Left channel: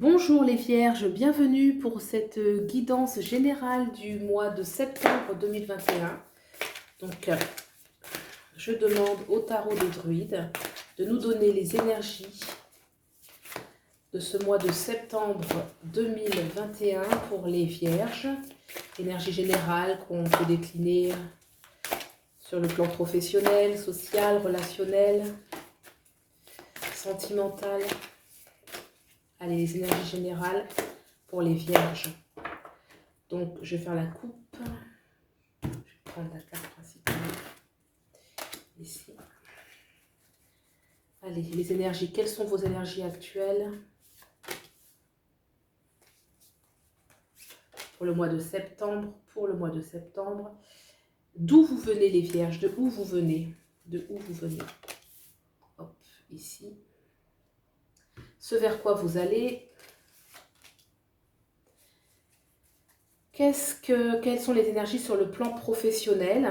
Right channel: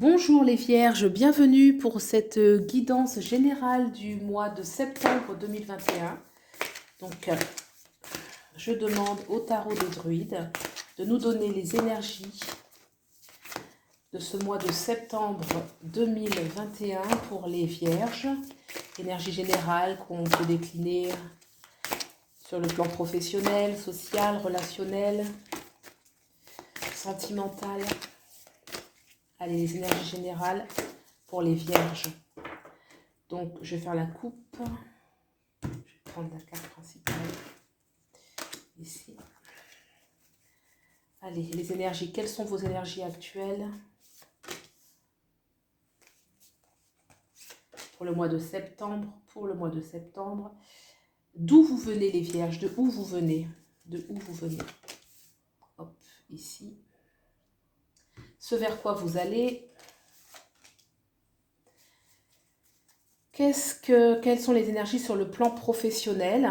Bonjour les Vierges, bienvenue pour cette guidance générale du mois de septembre 2021. Donc, je demande au tarot des druides de nous donner les énergies de ce mois de septembre 2021 pour les Vierges. Énergie générale qu'on peut décliner sur le plan professionnel, social, relationnel, sentimental. Allez, les énergies générales pour les Vierges. Donc, je vais faire la coupe. Je vais prendre la carte principale. Ici. Allez, les énergies. Quelles sont vos énergies actuelles pour le mois de septembre? D'où vous venez les Vierges? De où vous venez? Hop, ici. Ce vers quoi vous allez? Quelles sont les énergies sur le plan professionnel?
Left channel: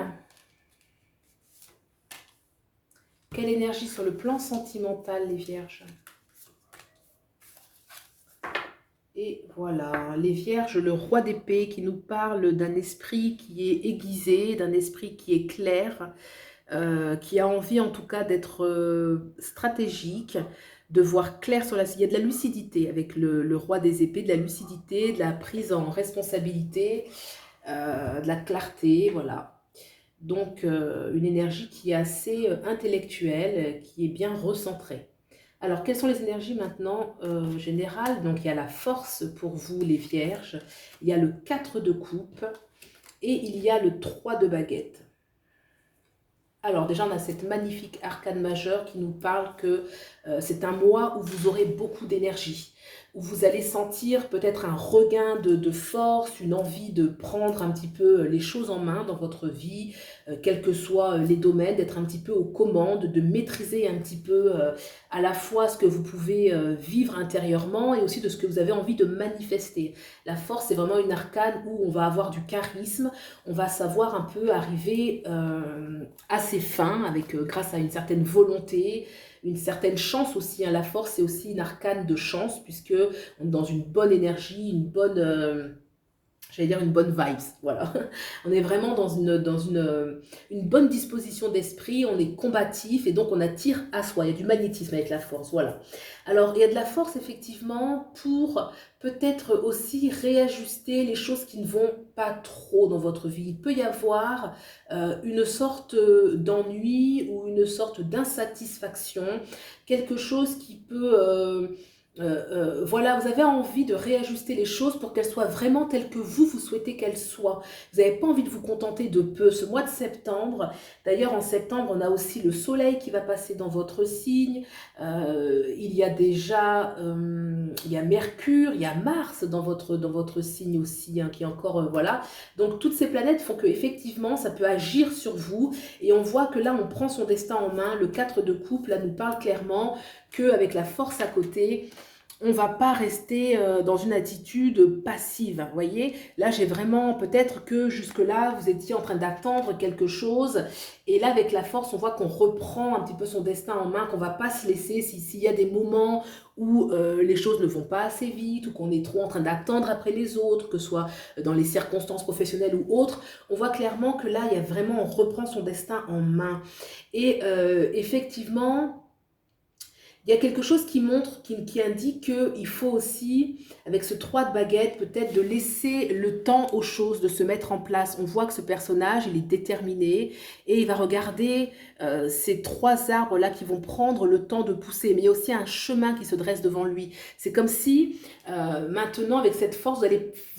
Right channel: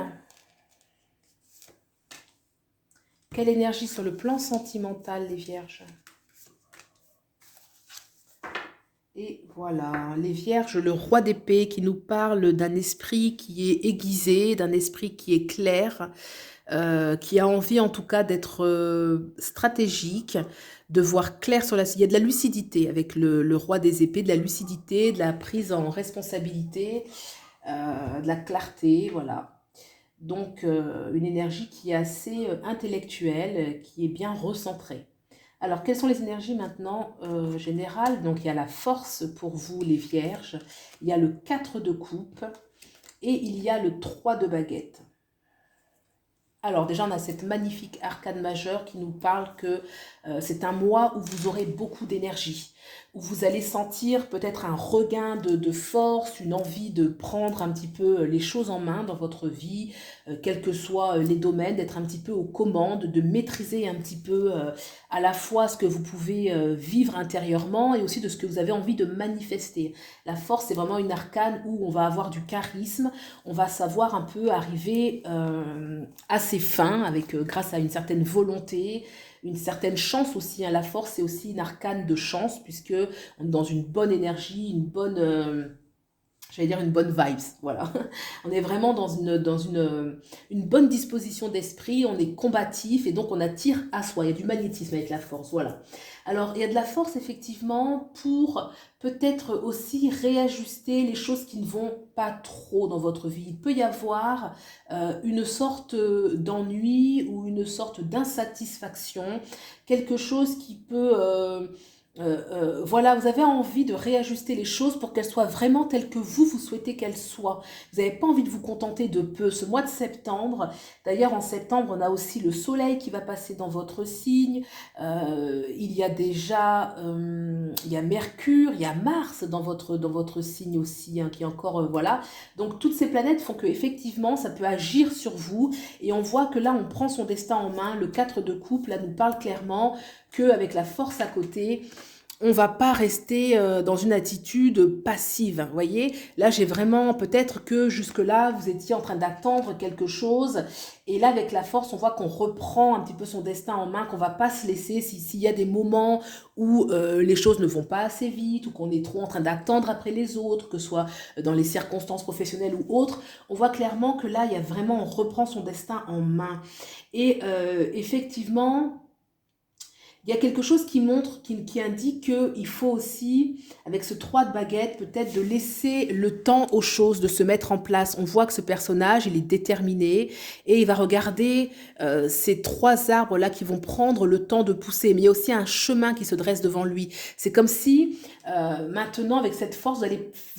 Quelle énergie sur le plan sentimental, les Vierges? Et voilà, les Vierges, le roi d'épée qui nous parle d'un esprit qui est aiguisé, d'un esprit qui est clair, qui a envie en tout cas d'être stratégique, de voir clair sur la... Il y a de la lucidité avec le roi des épées, de la lucidité, de la prise en responsabilité, de la clarté, voilà. Donc, une énergie qui est assez intellectuelle, qui est bien recentrée. Alors, quelles sont les énergies maintenant générales? Donc, il y a la force pour vous, les Vierges. Il y a le 4 de coupe et il y a le 3 de baguette. Alors, déjà, on a cette magnifique arcane majeure qui nous parle que c'est un mois où vous aurez beaucoup d'énergie, où vous allez sentir peut-être un regain de force, une envie de prendre un petit peu les choses en main dans votre vie, quels que soient les domaines, d'être un petit peu aux commandes, de maîtriser un petit peu à la fois ce que vous pouvez vivre intérieurement et aussi de ce que vous avez envie de manifester. La force, c'est vraiment une arcane où on va avoir du charisme, on va savoir un peu arriver à ses fins avec, grâce à une certaine volonté, une certaine chance aussi, hein. La force, c'est aussi une arcane de chance, puisque on est dans une bonne énergie, une bonne, j'allais dire une bonne vibes, voilà. On est vraiment une bonne disposition d'esprit, on est combatif et donc on attire à soi. Il y a du magnétisme avec la force, voilà. Alors, il y a de la force effectivement pour peut-être aussi réajuster les choses qui ne vont pas trop dans votre vie. Il peut y avoir une sorte d'ennui ou une sorte d'insatisfaction, quelque chose qui peut... voilà, vous avez envie de réajuster les choses pour qu'elles soient vraiment telles que vous souhaitez qu'elles soient. Vous n'avez pas envie de vous contenter de peu. Ce mois de septembre, d'ailleurs en septembre, on a aussi le soleil qui va passer dans votre signe. Il y a déjà, il y a Mercure, il y a Mars dans votre signe aussi, hein, qui est encore, voilà. Donc toutes ces planètes font que effectivement, ça peut agir sur vous. Et on voit que là, on prend son destin en main. Le 4 de coupe, là, nous parle clairement qu'avec la force à côté, on ne va pas rester dans une attitude passive. Vous voyez, là, j'ai vraiment, peut-être que jusque-là, vous étiez en train d'attendre quelque chose. Et là, avec la force, on voit qu'on reprend un petit peu son destin en main, qu'on ne va pas se laisser. S'il y a des moments où les choses ne vont pas assez vite, ou qu'on est trop en train d'attendre après les autres, que ce soit dans les circonstances professionnelles ou autres, on voit clairement que là, il y a vraiment, on reprend son destin en main. Et effectivement... Il y a quelque chose qui montre, qui indique qu'il faut aussi, avec ce 3 de baguette, peut-être de laisser le temps aux choses de se mettre en place. On voit que ce personnage, il est déterminé et il va regarder ces 3 arbres-là qui vont prendre le temps de pousser. Mais il y a aussi un chemin qui se dresse devant lui. C'est comme si, maintenant, avec cette force, vous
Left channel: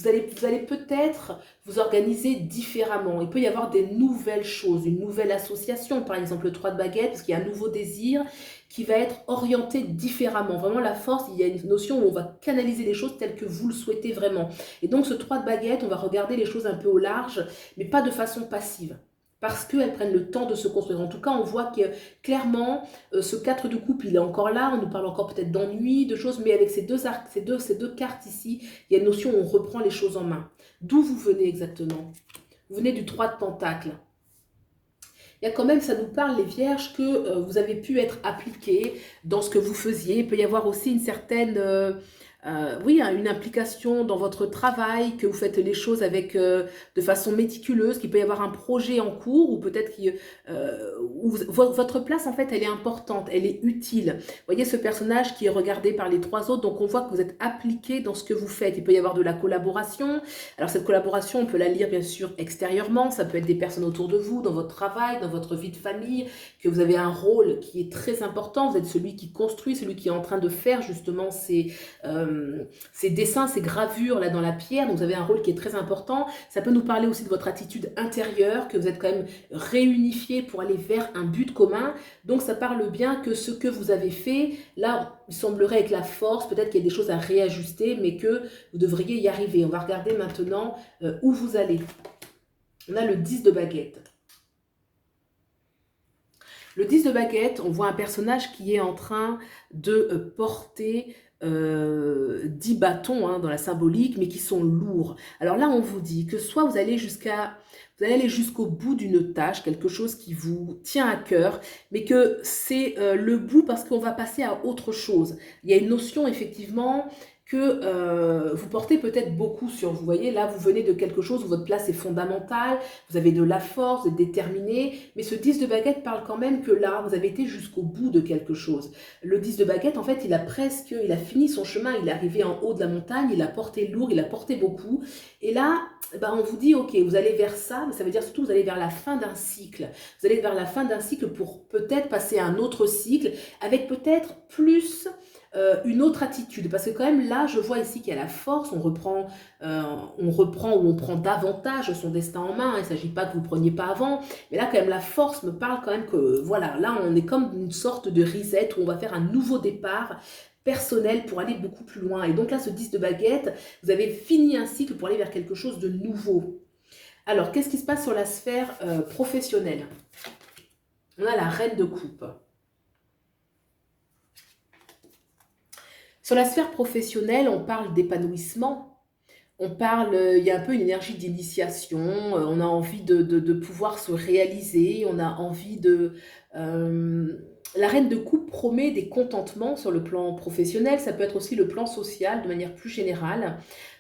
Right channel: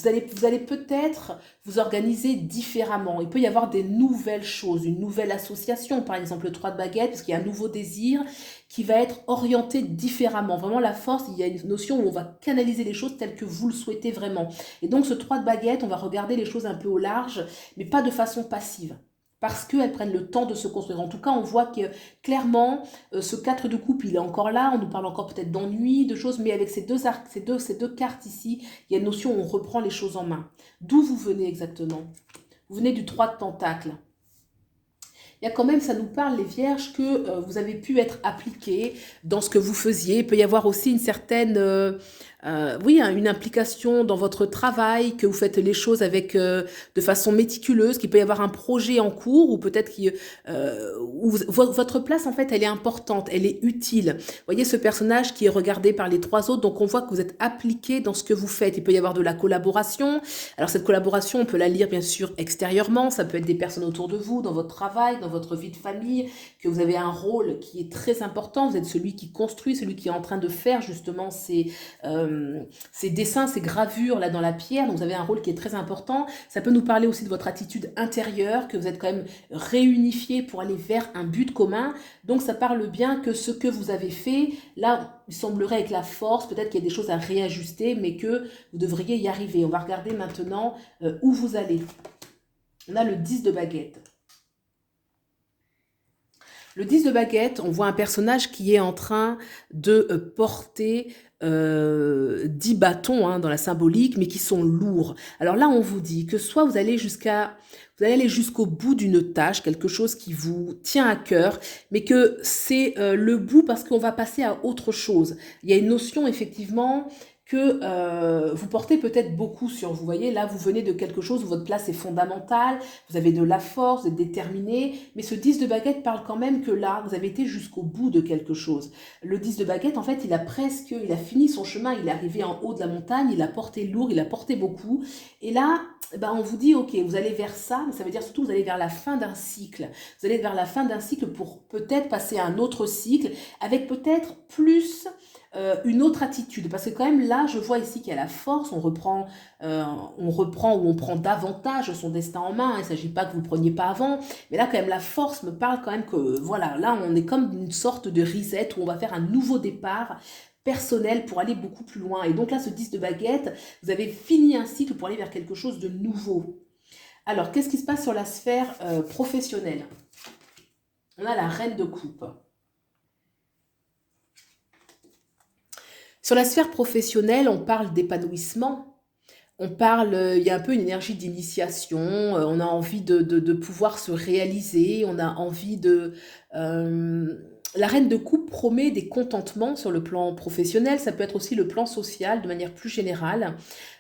allez peut-être vous organiser différemment. Il peut y avoir des nouvelles choses, une nouvelle association, par exemple le 3 de baguette, parce qu'il y a un nouveau désir qui va être orienté différemment. Vraiment, la force, il y a une notion où on va canaliser les choses telles que vous le souhaitez vraiment. Et donc, ce 3 de baguette, on va regarder les choses un peu au large, mais pas de façon passive, parce qu'elles prennent le temps de se construire. En tout cas, on voit que clairement, ce 4 de coupe, il est encore là, on nous parle encore peut-être d'ennui, de choses, mais avec ces deux cartes ici, il y a une notion où on reprend les choses en main. D'où vous venez exactement? Vous venez du 3 de pentacle. Il y a quand même, ça nous parle, les vierges, que vous avez pu être appliqué dans ce que vous faisiez. Il peut y avoir aussi une certaine oui, hein, une implication dans votre travail, que vous faites les choses avec, de façon méticuleuse, qu'il peut y avoir un projet en cours ou peut-être où votre place, en fait, elle est importante, elle est utile. Vous voyez ce personnage qui est regardé par les trois autres, donc on voit que vous êtes appliqué dans ce que vous faites. Il peut y avoir de la collaboration. Alors cette collaboration, on peut la lire bien sûr extérieurement, ça peut être des personnes autour de vous, dans votre travail, dans votre vie de famille, que vous avez un rôle qui est très important. Vous êtes celui qui construit, celui qui est en train de faire justement ces dessins, ces gravures là dans la pierre, donc vous avez un rôle qui est très important. Ça peut nous parler aussi de votre attitude intérieure, que vous êtes quand même réunifié pour aller vers un but commun. Donc ça parle bien que ce que vous avez fait, là, il semblerait avec la force, peut-être qu'il y a des choses à réajuster, mais que vous devriez y arriver. On va regarder maintenant où vous allez. On a le 10 de baguette. Le 10 de baguette, on voit un personnage qui est en train de porter 10 bâtons hein, dans la symbolique, mais qui sont lourds. Alors là, on vous dit que soit vous allez aller jusqu'au bout d'une tâche, quelque chose qui vous tient à cœur, mais que c'est le bout parce qu'on va passer à autre chose. Il y a une notion effectivement que vous portez peut-être beaucoup sur vous. Vous voyez, là, vous venez de quelque chose où votre place est fondamentale, vous avez de la force, vous êtes déterminé, mais ce 10 de baguette parle quand même que là, vous avez été jusqu'au bout de quelque chose. Le 10 de baguette, en fait, il a fini son chemin, il est arrivé en haut de la montagne, il a porté lourd, il a porté beaucoup, et là, ben, on vous dit, ok, vous allez vers ça, mais ça veut dire surtout vous allez vers la fin d'un cycle. Vous allez vers la fin d'un cycle pour peut-être passer à un autre cycle, avec peut-être plus une autre attitude, parce que quand même là je vois ici qu'il y a la force, on reprend ou on prend davantage son destin en main, il ne s'agit pas que vous ne preniez pas avant, mais là quand même la force me parle quand même que voilà, là on est comme une sorte de reset où on va faire un nouveau départ personnel pour aller beaucoup plus loin, et donc là ce 10 de baguette, vous avez fini un cycle pour aller vers quelque chose de nouveau. Alors qu'est-ce qui se passe sur la sphère professionnelle? On a la reine de coupe. Sur la sphère professionnelle, on parle d'épanouissement, on parle, il y a un peu une énergie d'initiation, on a envie de pouvoir se réaliser, on a envie de... la reine de coupe promet des contentements sur le plan professionnel, ça peut être aussi le plan social de manière plus générale.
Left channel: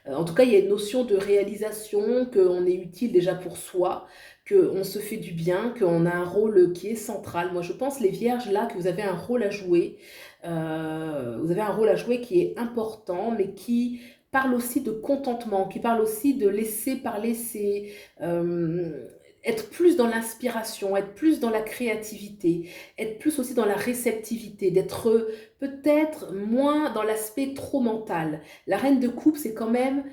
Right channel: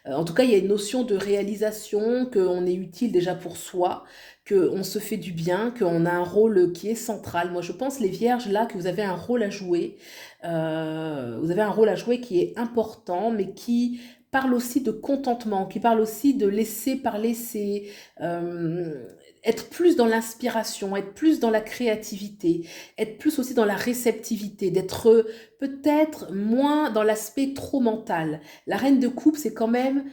En tout cas, il y a une notion de réalisation, qu'on est utile déjà pour soi, qu'on se fait du bien, qu'on a un rôle qui est central. Moi, je pense, les vierges, là, que vous avez un rôle à jouer. Vous avez un rôle à jouer qui est important, mais qui parle aussi de contentement, qui parle aussi de laisser parler être plus dans l'inspiration, être plus dans la créativité, être plus aussi dans la réceptivité, d'être peut-être moins dans l'aspect trop mental. La reine de coupe, c'est quand même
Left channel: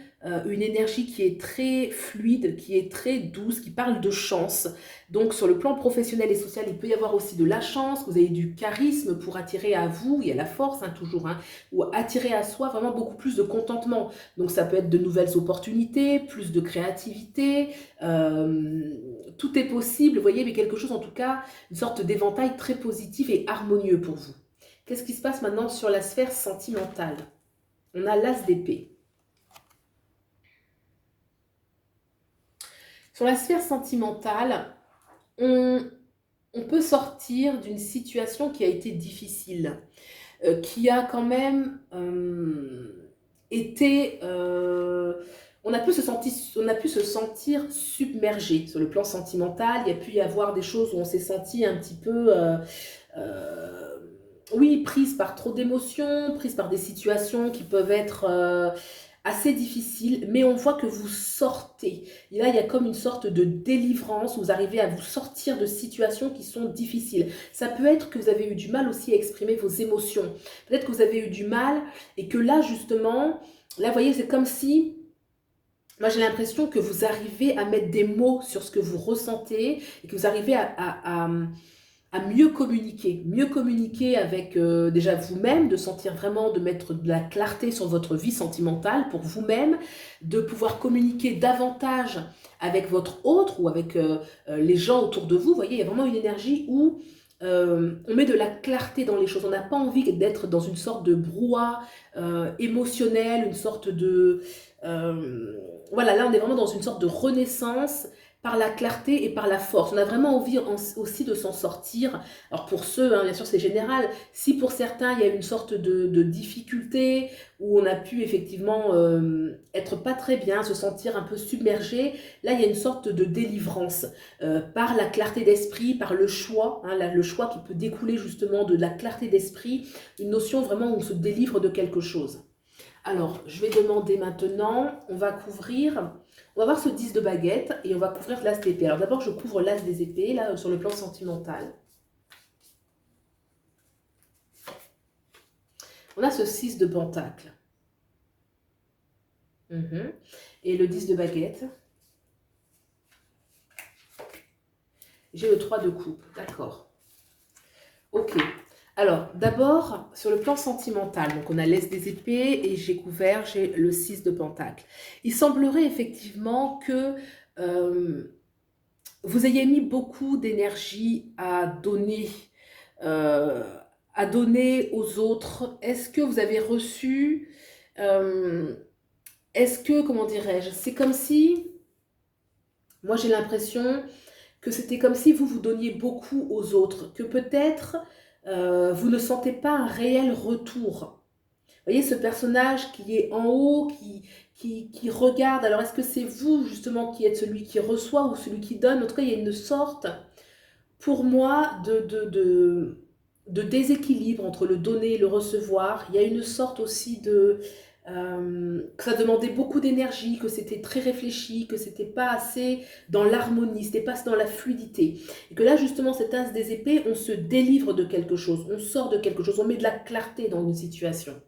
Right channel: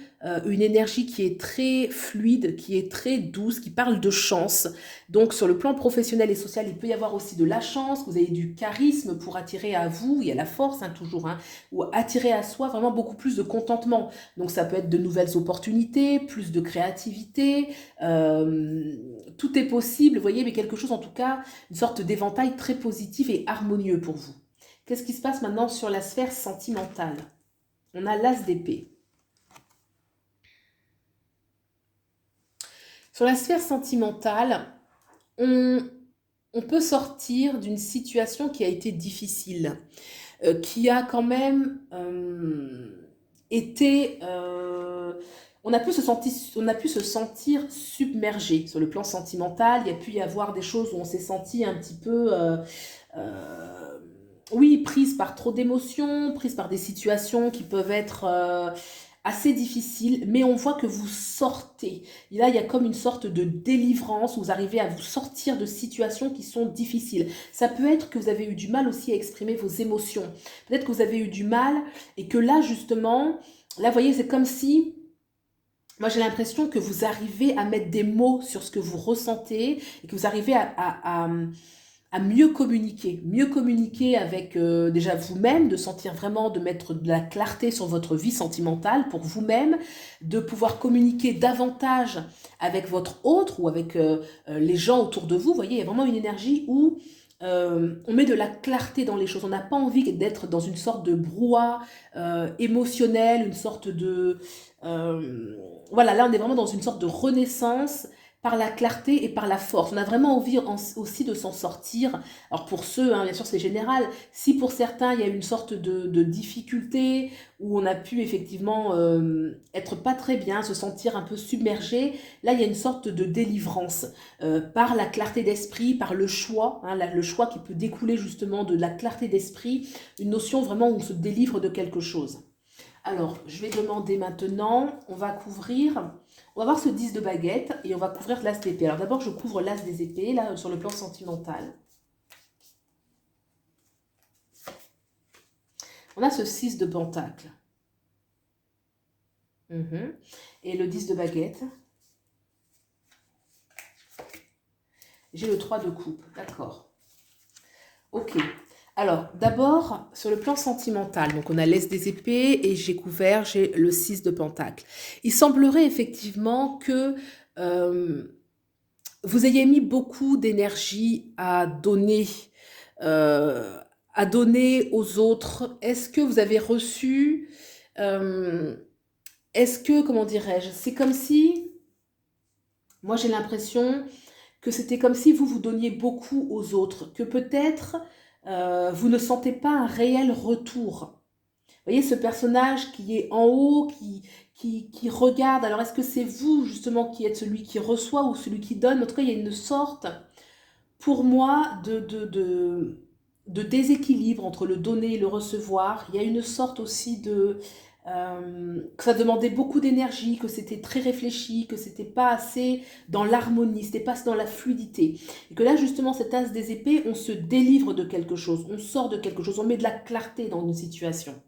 une énergie qui est très fluide, qui est très douce, qui parle de chance. Donc sur le plan professionnel et social, il peut y avoir aussi de la chance, que vous avez du charisme pour attirer à vous, il y a la force hein, toujours, hein, ou attirer à soi vraiment beaucoup plus de contentement. Donc ça peut être de nouvelles opportunités, plus de créativité, tout est possible, vous voyez, mais quelque chose en tout cas, une sorte d'éventail très positif et harmonieux pour vous. Qu'est-ce qui se passe maintenant sur la sphère sentimentale? On a l'as d'épée. Sur la sphère sentimentale, on peut sortir d'une situation qui a été difficile, qui a quand même été... on a pu se sentir submergé sur le plan sentimental. Il y a pu y avoir des choses où on s'est senti un petit peu... oui, prise par trop d'émotions, prise par des situations qui peuvent être assez difficiles, mais on voit que vous sortez. Et là, il y a comme une sorte de délivrance, où vous arrivez à vous sortir de situations qui sont difficiles. Ça peut être que vous avez eu du mal aussi à exprimer vos émotions. Peut-être que vous avez eu du mal et que là, justement, là, vous voyez, c'est comme si... Moi, j'ai l'impression que vous arrivez à mettre des mots sur ce que vous ressentez et que vous arrivez à mieux communiquer avec déjà vous-même, de sentir vraiment, de mettre de la clarté sur votre vie sentimentale pour vous-même, de pouvoir communiquer davantage avec votre autre ou avec les gens autour de vous. Vous voyez, il y a vraiment une énergie où on met de la clarté dans les choses. On n'a pas envie d'être dans une sorte de brouhaha émotionnel, une sorte de... voilà, là on est vraiment dans une sorte de renaissance par la clarté et par la force. On a vraiment envie aussi de s'en sortir. Alors pour ceux, hein, bien sûr c'est général, si pour certains il y a une sorte de difficulté, où on a pu effectivement être pas très bien, se sentir un peu submergé, là il y a une sorte de délivrance par la clarté d'esprit, par le choix, hein, le choix qui peut découler justement de la clarté d'esprit, une notion vraiment où on se délivre de quelque chose. Alors, je vais demander maintenant, on va voir ce 10 de baguette et on va couvrir l'as d'épée. Alors d'abord, je couvre l'as des épées, là, sur le plan sentimental. On a ce 6 de pentacle. Et le 10 de baguette. J'ai le 3 de coupe, d'accord. Ok. Alors, d'abord, sur le plan sentimental, donc on a l'As des épées et j'ai le 6 de pentacle. Il semblerait effectivement que vous ayez mis beaucoup d'énergie euh, à donner aux autres. Est-ce que vous avez reçu, euh, est-ce que, comment dirais-je, c'est comme si, moi j'ai l'impression que c'était comme si vous vous donniez beaucoup aux autres, que peut-être vous ne sentez pas un réel retour. Vous voyez ce personnage qui est en haut, qui regarde, alors est-ce que c'est vous justement qui êtes celui qui reçoit ou celui qui donne? En tout cas, il y a une sorte, pour moi, de déséquilibre entre le donner et le recevoir. Il y a une sorte aussi que ça demandait beaucoup d'énergie, que c'était très réfléchi, que c'était pas assez dans l'harmonie, c'était pas assez dans la fluidité. Et que là, justement, cet as des épées, on se délivre de quelque chose, on sort de quelque chose, on met de la clarté dans une situation.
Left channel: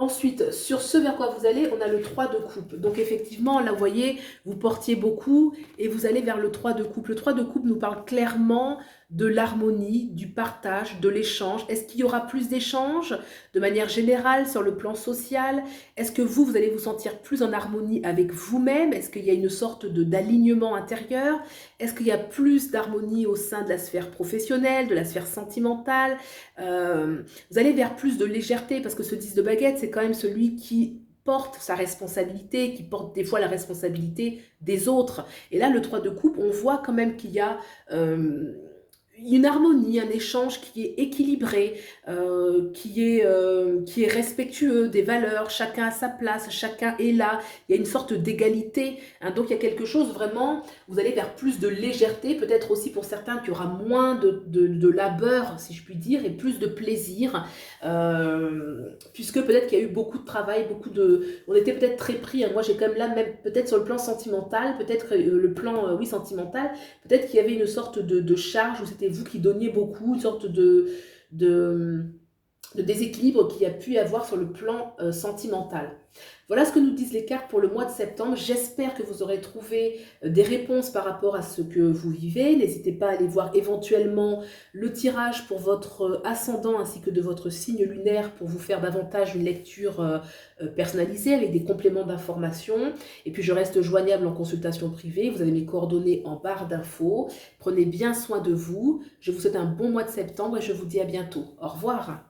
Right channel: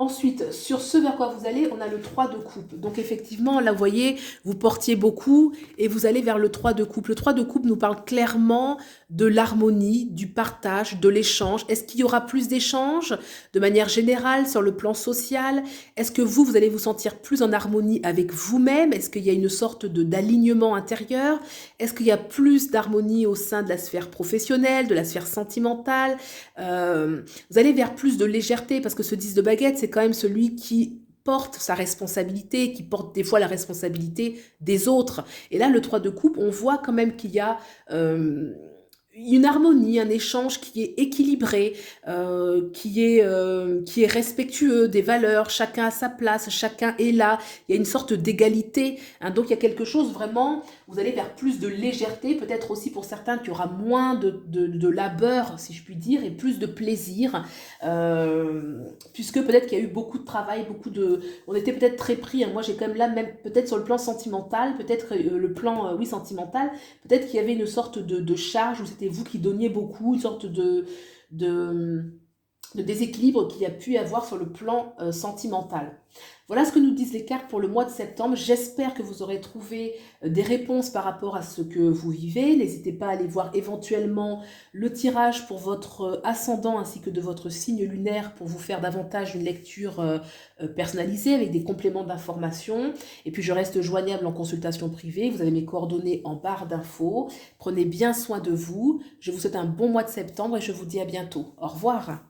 Ensuite, sur ce vers quoi vous allez, on a le 3 de coupe. Donc effectivement, là, vous voyez, vous portiez beaucoup et vous allez vers le 3 de coupe. Le 3 de coupe nous parle clairement de l'harmonie, du partage, de l'échange. Est-ce qu'il y aura plus d'échanges de manière générale sur le plan social? Est-ce que vous allez vous sentir plus en harmonie avec vous-même? Est-ce qu'il y a une sorte d'alignement intérieur? Est-ce qu'il y a plus d'harmonie au sein de la sphère professionnelle, de la sphère sentimentale? Vous allez vers plus de légèreté parce que ce 10 de baguette, c'est quand même celui qui porte sa responsabilité, qui porte des fois la responsabilité des autres. Et là, le 3 de coupe, on voit quand même qu'il y a une harmonie, un échange qui est équilibré, qui est respectueux des valeurs, chacun a sa place, chacun est là, il y a une sorte d'égalité, hein, donc il y a quelque chose vraiment, vous allez vers plus de légèreté, peut-être aussi pour certains qu'il y aura moins de labeur, si je puis dire, et plus de plaisir, puisque peut-être qu'il y a eu beaucoup de travail, on était peut-être très pris, hein, moi j'ai quand même là, même peut-être sur le plan sentimental, peut-être le plan, oui, sentimental, peut-être qu'il y avait une sorte de charge où c'était vous qui donniez beaucoup, une sorte de, de déséquilibre qu'il y a pu y avoir sur le plan sentimental. Voilà ce que nous disent les cartes pour le mois de septembre. J'espère que vous aurez trouvé des réponses par rapport à ce que vous vivez. N'hésitez pas à aller voir éventuellement le tirage pour votre ascendant ainsi que de votre signe lunaire pour vous faire davantage une lecture personnalisée avec des compléments d'information. Et puis je reste joignable en consultation privée. Vous avez mes coordonnées en barre d'infos. Prenez bien soin de vous. Je vous souhaite un bon mois de septembre et je vous dis à bientôt. Au revoir.